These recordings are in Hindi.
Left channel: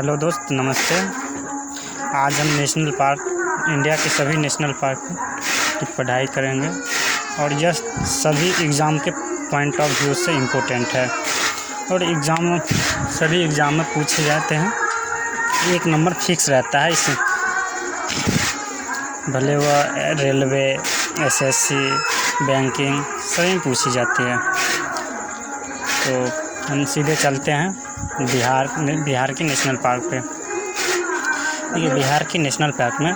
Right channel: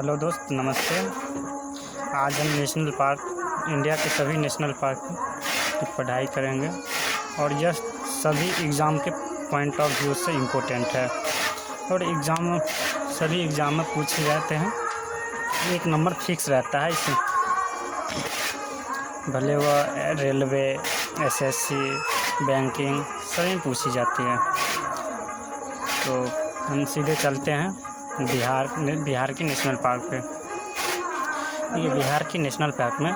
हेलो दोस्त, नमस्ते। आज हम नेशनल पार्क, इंडिया के सभी नेशनल पार्क की पढ़ाई करेंगे और यह सभी एग्ज़ाम के पॉइंट ऑफ व्यू से इम्पोर्टेंट है और सभी एग्ज़ाम में पूछे जाते हैं। एक नंबर फिक्स रहता है इसी, भले वह रेलवे, एसएससी, बैंकिंग सभी पूछी जाती है। तो हम सीधे चलते हैं बिहार के नेशनल पार्क पे। ये बिहार के नेशनल पार्क में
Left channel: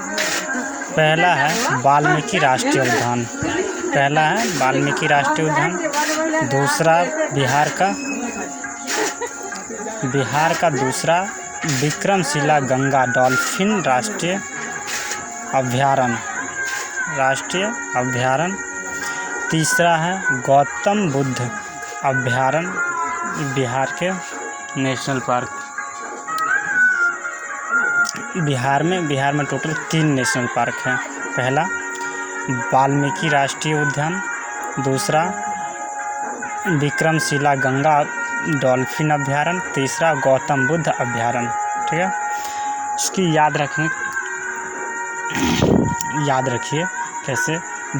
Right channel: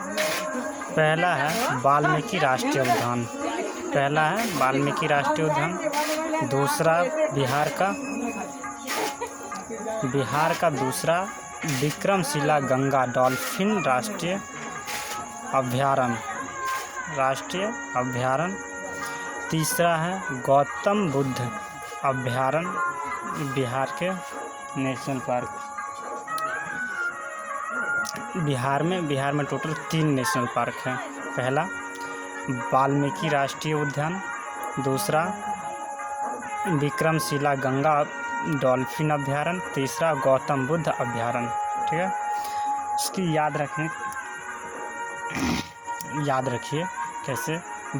पहला है वाल्मीकि राष्ट्रीय उद्यान। दूसरा बिहार का दूसरा विक्रमशिला गंगा डॉल्फिन राष्ट्रीय अभयारण्य। तीसरा है गौतम बुद्ध अभयारण्य, बिहार के नेशनल पार्क। बिहार में टोटल 3 नेशनल पार्क हैं। पहला वाल्मीकि राष्ट्रीय उद्यान, दूसरा विक्रमशिला गंगा डॉल्फिन अभयारण्य, तीसरा गौतम बुद्ध अभयारण्य। ठीक है, इसकी याद रखिए कैसे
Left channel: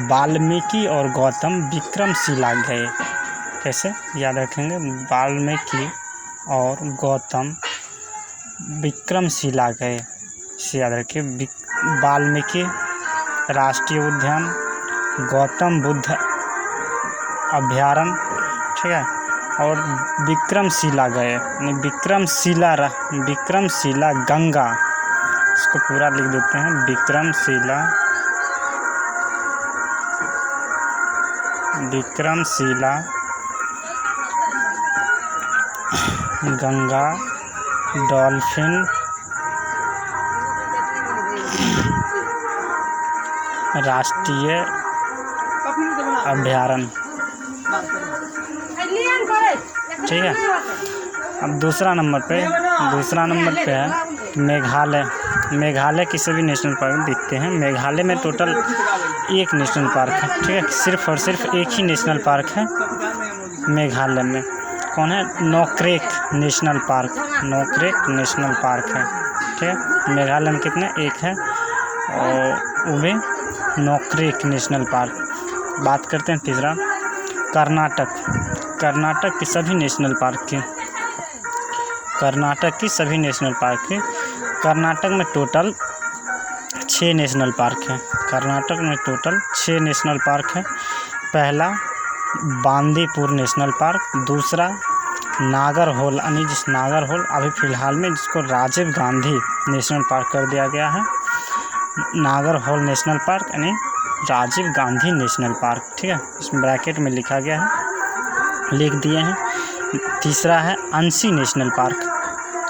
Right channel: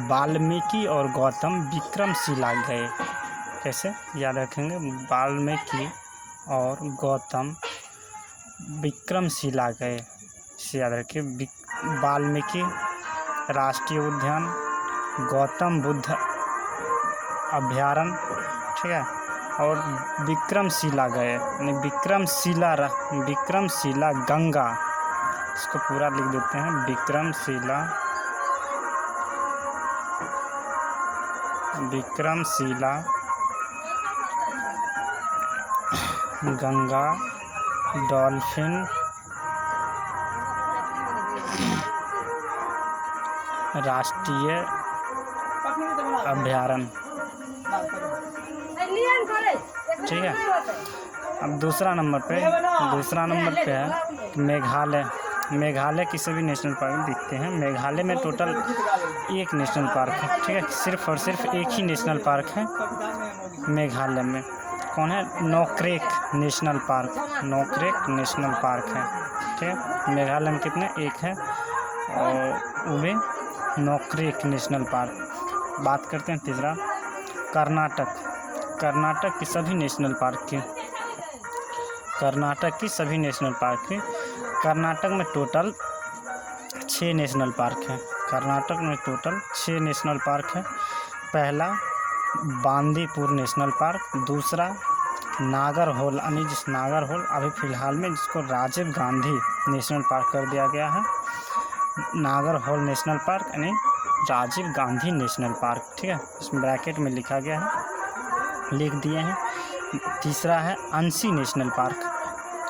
वाल्मीकि और गौतम विक्रमशिला गए। कैसे याद रखेंगे? वाल्मीकि और गौतम विक्रमशिला गए, इसे याद रखिए। वाल्मीकि राष्ट्रीय उद्यान, गौतम बुद्ध अभयारण्य, ठीक है, और विक्रमशिला गए। विक्रमशिला गंगा, इसको पूरा लिख देते हैं, विक्रमशिला गंगा डॉल्फिन राष्ट्रीय अभयारण्य। ठीक है, अब दूसरा नंबर पे है मेघालय के सभी नेशनल पार्क दिखते हैं। मेघालय में टोटल 1 नेशनल पार्क है। ठीक है, सिर्फ और सिर्फ एक ही नेशनल पार्क है मेघालय में। कौन है? नोक्रेक नेशनल पार्क है। ठीक है, मेघालय में कितने? 1 है और वो भी नोक्रेक नेशनल पार्क। बात करते हैं तीसरा, कर्नाटक की सभी नेशनल पार्क की। कर्नाटक में टोटल 6 नेशनल पार्क है। पहला बांदीपुर नेशनल पार्क, दूसरा नागरहोल अभी फ़िलहाल में जिसको राजीव गांधी नेशनल पार्क कर दिया गया है। नागरहोल नेशनल पार्क यानी राजीव गांधी नेशनल पार्क। ठीक है, इसमें ब्रैकेट में लिख दिए हैं। तीसरा है अंशी नेशनल पार्क।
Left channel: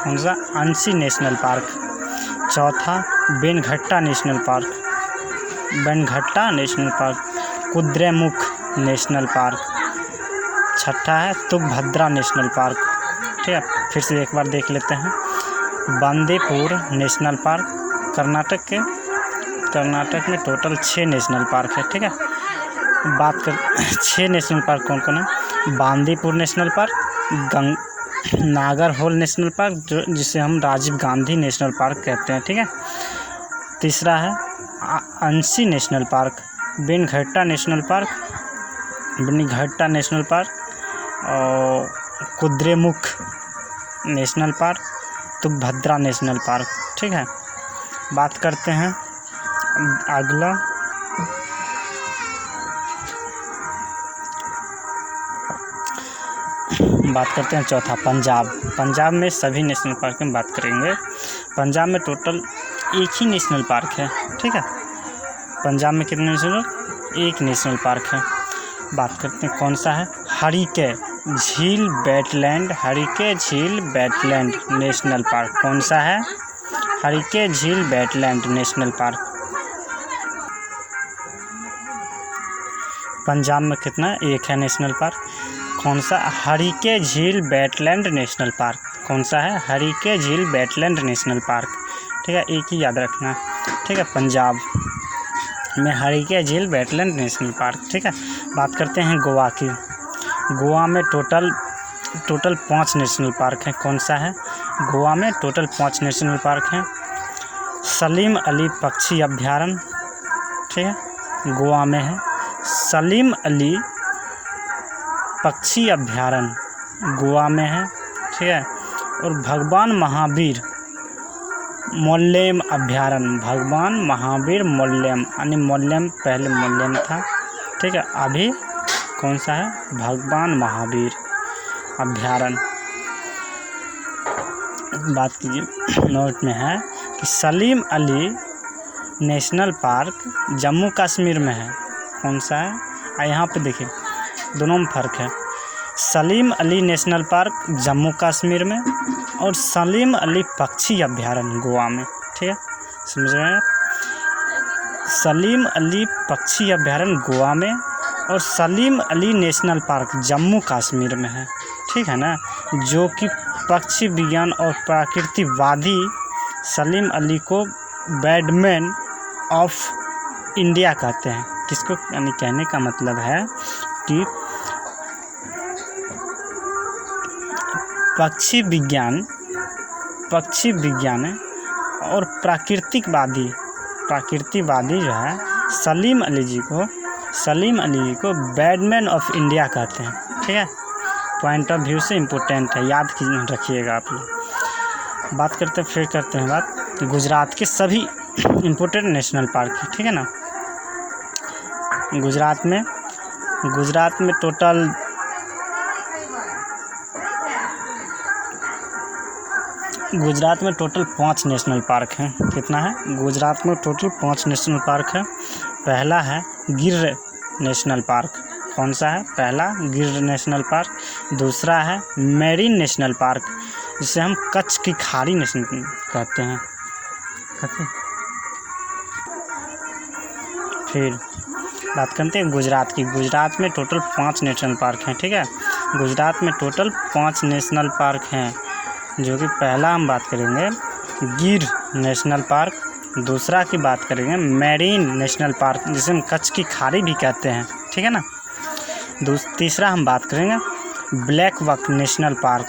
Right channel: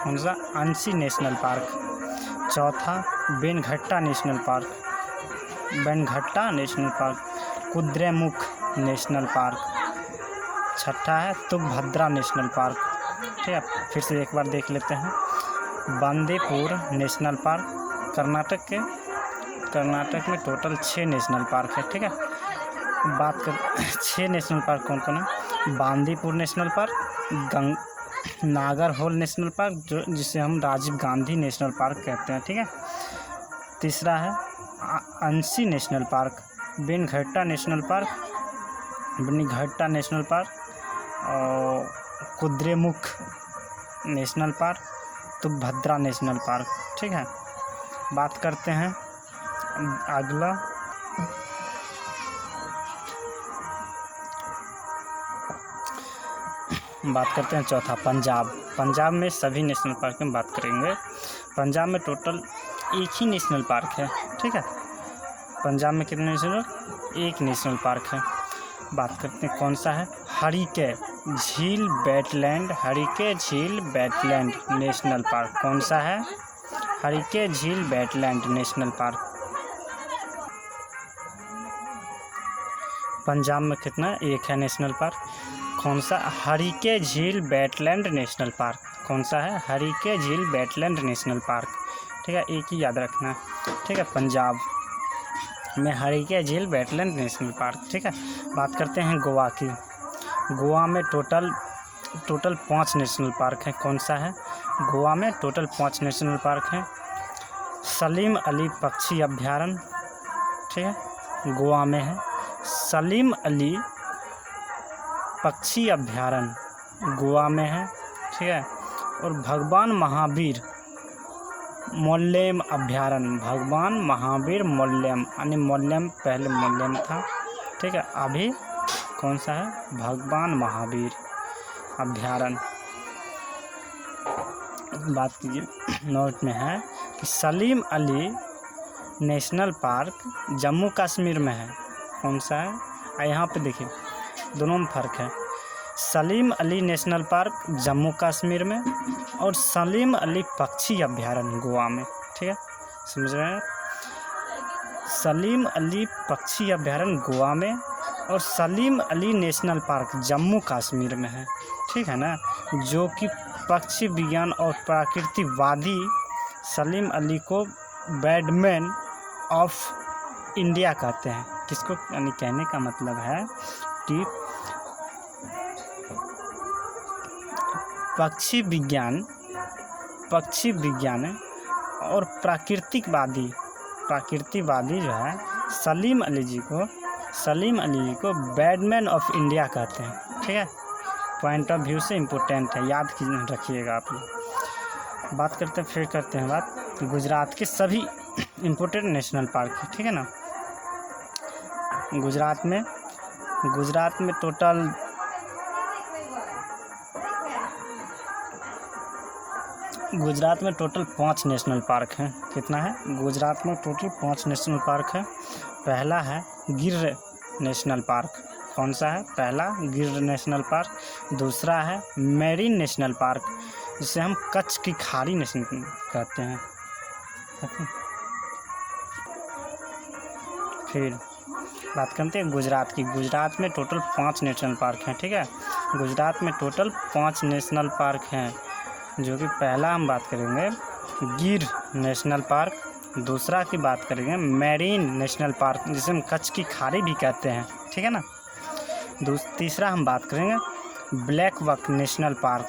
कौन सा? अंशी नेशनल पार्क। चौथा Bannerghatta National Park, Kudremukh National Park. छठा है तुंगभद्रा नेशनल पार्क। ठीक है, फिर से एक बार देख लेते हैं। बांदीपुर नेशनल पार्क कर्नाटक में टोटल 6 नेशनल पार्क है। ठीक है, बात कर 6 नेशनल पार्क कौन कौन है? Bandipur national park, Nagarhole national park जिसे हम राजीव गांधी नेशनल पार्क कहते हैं। ठीक है, तीसरा है अंशी नेशनल पार्क, बेनघट्टा नेशनल पार्क और Kudremukh National park, Tungabhadra national park. ठीक है, बात करते हैं अगला, चौथा पंजाब में सभी नेशनल पार्क में बात करेंगे। पंजाब में टोटल 1 ही नेशनल पार्क है। ठीक है, पंजाब में कितने नेशनल? 1 नेशनल पार्क है। बात करते हैं कौन सा है? हरिके झील वेटलैंड नेशनल पार्क। कौन सा है? हरिके झील वेटलैंड नेशनल पार्क। पंजाब में कितना? 1 है नेशनल पार्क। कौन सा? हरिके झील वेटलैंड नेशनल पार्क। कौन सा है? हरिके झील वेटलैंड नेशनल पार्क। ठीक है, एक ही याद रखना है। ठीक है, पंजाब में हरिके झील वेटलैंड नेशनल पार्क। ठीक है, बात करते हैं गोवा की। गोवा में टोटल 5 नेशनल पार्क हैं। कौन सा है? गोवा में टोटल 5 नेशनल पार्क हैं। सलीम अली पक्षी अभ्यारण्य, ठीक है, गोवा में है। सलीम अली पक्षी अभ्यारण्य गोवा में है, ठीक है। और भगवान महावीर मोल्लेम अभ्यारण्य, भगवान महावीर मोल्लेम, यानी मोल्लेम पहले मोल्लेम था, ठीक है, अभी कौन सा है, भगवान महावीर अभ्यारण्य। बात कीजिए, नोट में है कि सलीम अली नेशनल पार्क जम्मू कश्मीर में है, कौन सा है, यहाँ पे देखिए दोनों में फ़र्क है। सलीम अली नेशनल पार्क जम्मू कश्मीर में और सलीम अली पक्षी अभ्यारण्य गोवा में, ठीक है, समझ रहे हैं। सलीम अली पक्षी अभ्यारण्य गोवा में और सलीम अली नेशनल पार्क जम्मू कश्मीर में है, ठीक है ना। जो कि पक्षी विज्ञान और प्रकृतिवादी सलीम अली को बैडमैन ऑफ इंडिया कहते हैं। किसको, यानी कहने का मतलब है कि पक्षी विज्ञान और प्रकृतिवादी जो है सलीम अली जी को बैडमैन ऑफ इंडिया कहते हैं, ठीक है। पॉइंट ऑफ व्यू से इम्पोर्टेंट है, याद रखिएगा आप लोग। बात करते हैं बात गुजरात के सभी इम्पोर्टेंट नेशनल पार्क है, ठीक है ना। गुजरात में टोटल 5 नेशनल पार्क हैं। कितना है, गुजरात में टोटल 5 नेशनल पार्क है। पहला है गिर नेशनल पार्क, कौन सा है, पहला गिर नेशनल पार्क। दूसरा है मेरीन नेशनल पार्क, जिसे हम कच्छ की खाड़ी नेशनल कहते हैं। फिर बात करते हैं गुजरात की। गुजरात में टोटल 5 नेशनल पार्क हैं, ठीक है। गुजरात में टोटल 5 नेशनल पार्क हैं, जो कि पहला हम बात करेंगे गिर नेशनल पार्क, दूसरा की बात करेंगे मेरीन नेशनल पार्क, जिसे हम कच्छ की खाड़ी भी कहते हैं, ठीक है ना। तीसरा हम बात करेंगे ब्लैक बक नेशनल पार्क।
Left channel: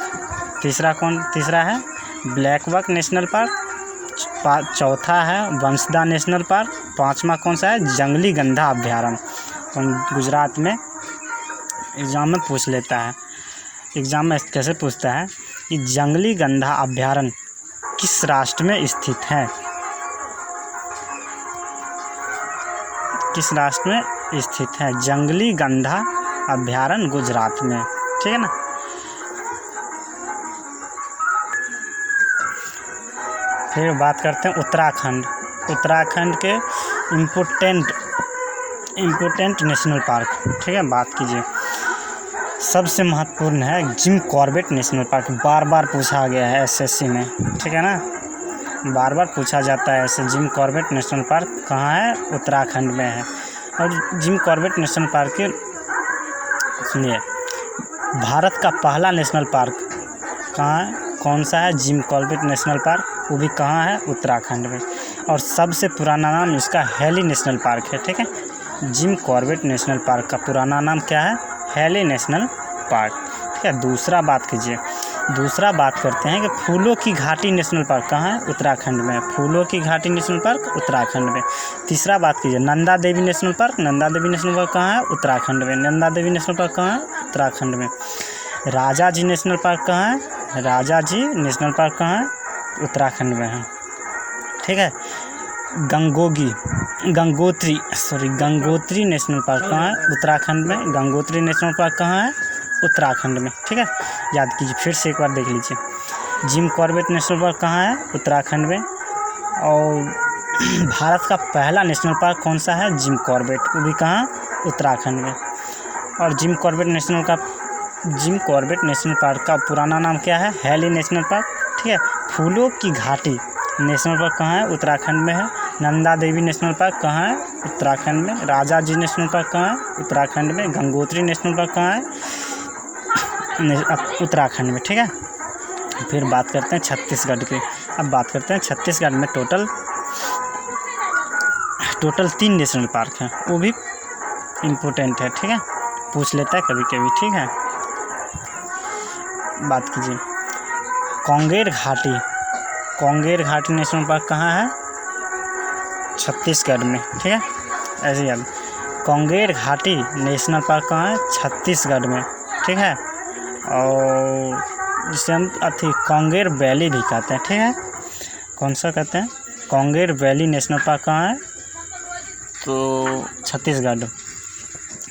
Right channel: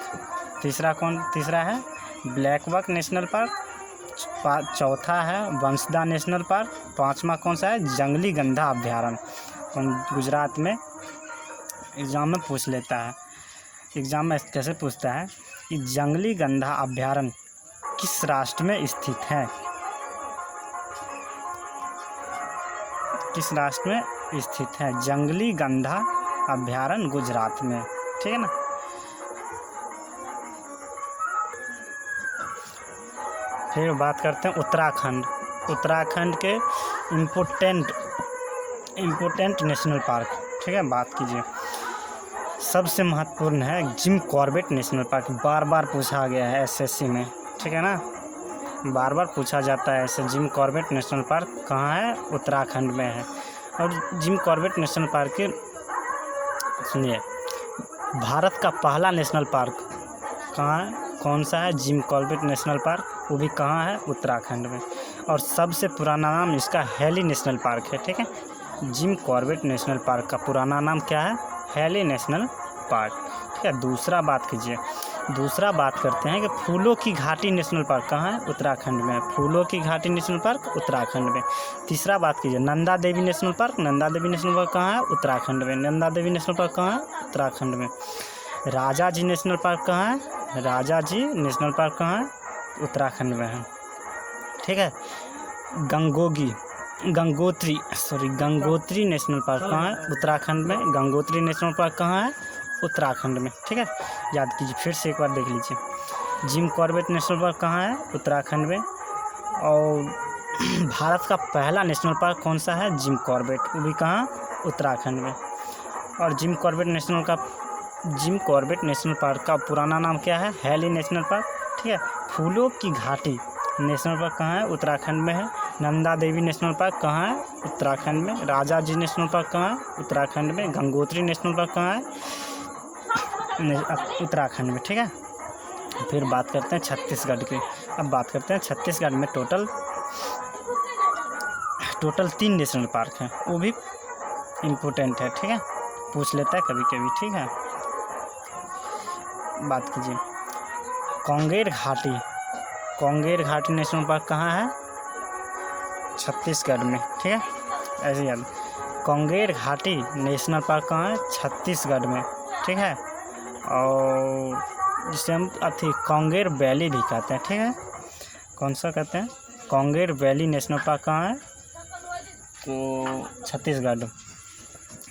तीसरा है ब्लैक बक नेशनल पार्क। चौथा है वंशदा नेशनल पार्क। पांचवा कौन सा है, जंगली गंधा अभ्यारण्य। गुजरात में एग्ज़ाम में पूछ लेता है, एग्ज़ाम में कैसे पूछता है कि जंगली गंधा अभ्यारण्य किस राष्ट्र में स्थित है, किस राष्ट्र में स्थित है, जंगली गंधा अभ्यारण्य गुजरात में, ठीक है ना। फिर बात करते हैं उत्तराखंड के इम्पोर्टेंट नेशनल पार्क, ठीक है। बात कीजिए, सबसे महत्वपूर्ण है जिम कॉर्बेट नेशनल पार्क। बार बार पूछा गया है एसएससी में, ठीक है ना, बार बार पूछा जाता है ऐसे। जिम कॉर्बेट नेशनल पार्क कहाँ है, उत्तराखंड में है। और जिम कॉर्बेट नेशनल पार्क के सुनिए, भारत का पहला नेशनल पार्क कहाँ है, कौन सा है, जिम कॉर्बेट नेशनल पार्क, वो भी कहाँ है, उत्तराखंड में। और सबसे पुराना नाम इसका हैली नेशनल पार्क है, ठीक है। जिम कॉर्बेट नेशनल पार्क का पुराना नाम क्या है, हैली नेशनल पार्क, ठीक है। दूसरा बात करते हैं कि फूलों की घाटी नेशनल पार्क कहाँ है, उत्तराखंड में। फूलों की घाटी नेशनल पार्क उत्तराखंड में। तीसरा बात कीजिए Nanda Devi national park. Nanda Devi national park कहाँ है, उत्तराखंड में। नंदा देवी नेशनल पार्क कहाँ है, उत्तराखंड में। राजा जी नेशनल पार्क कहाँ है, राजा जी नेशनल पार्क कहाँ है, उत्तराखंड में है, ठीक है। गंगोत्री नेशनल पार्क कहाँ है, उत्तराखंड में। गंगोत्री नेशनल पार्क कहाँ है, उत्तराखंड में, ठीक है। याद कीजिए, फिर से एक बार देख लीजिए। जिम कॉर्बेट नेशनल पार्क कहाँ है, उत्तराखंड में। और भारत का पहला नेशनल पार्क कौन सा है, जिम कॉर्बेट, वो भी कहाँ, उत्तराखंड में। और जिम कॉर्बेट नेशनल पार्क का पुराना नाम क्या है, हैली नेशनल पार्क, ठीक है। फूलों की घाटी नेशनल पार्क कहाँ है, उत्तराखंड में है। नंदा देवी नेशनल पार्क कहाँ है, उत्तराखंड में। राजा जी नेशनल पार्क कहाँ है, उत्तराखंड में। गंगोत्री नेशनल पार्क कहाँ है, उत्तराखंड में, ठीक है। फिर बात करते हैं छत्तीसगढ़ की। अब बात करते हैं छत्तीसगढ़ में टोटल 3 नेशनल पार्क हैं, वो भी इम्पोर्टेंट है, ठीक है, पूछ लेता है कभी कभी, ठीक है। बात कीजिए कांगेर घाटी नेशनल पार्क कहाँ है? छत्तीसगढ़ में। ठीक है, ऐसे याद। कांगेर घाटी नेशनल पार्क कहाँ है? छत्तीसगढ़ में। ठीक है, और जिसे हम कांगेर वैली भी कहते हैं। ठीक है, कौन सा कहते हैं? कांगेर वैली नेशनल पार्क कहाँ है? तो छत्तीसगढ़।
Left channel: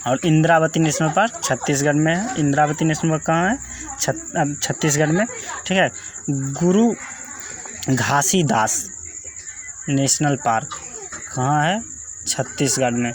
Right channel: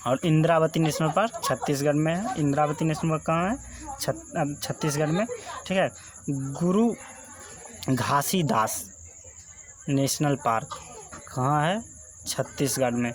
और इंद्रावती नेशनल पार्क छत्तीसगढ़ में है। इंद्रावती नेशनल पार्क कहाँ है? छत्तीसगढ़ में। ठीक है, गुरु घासीदास नेशनल पार्क कहाँ है? छत्तीसगढ़ में।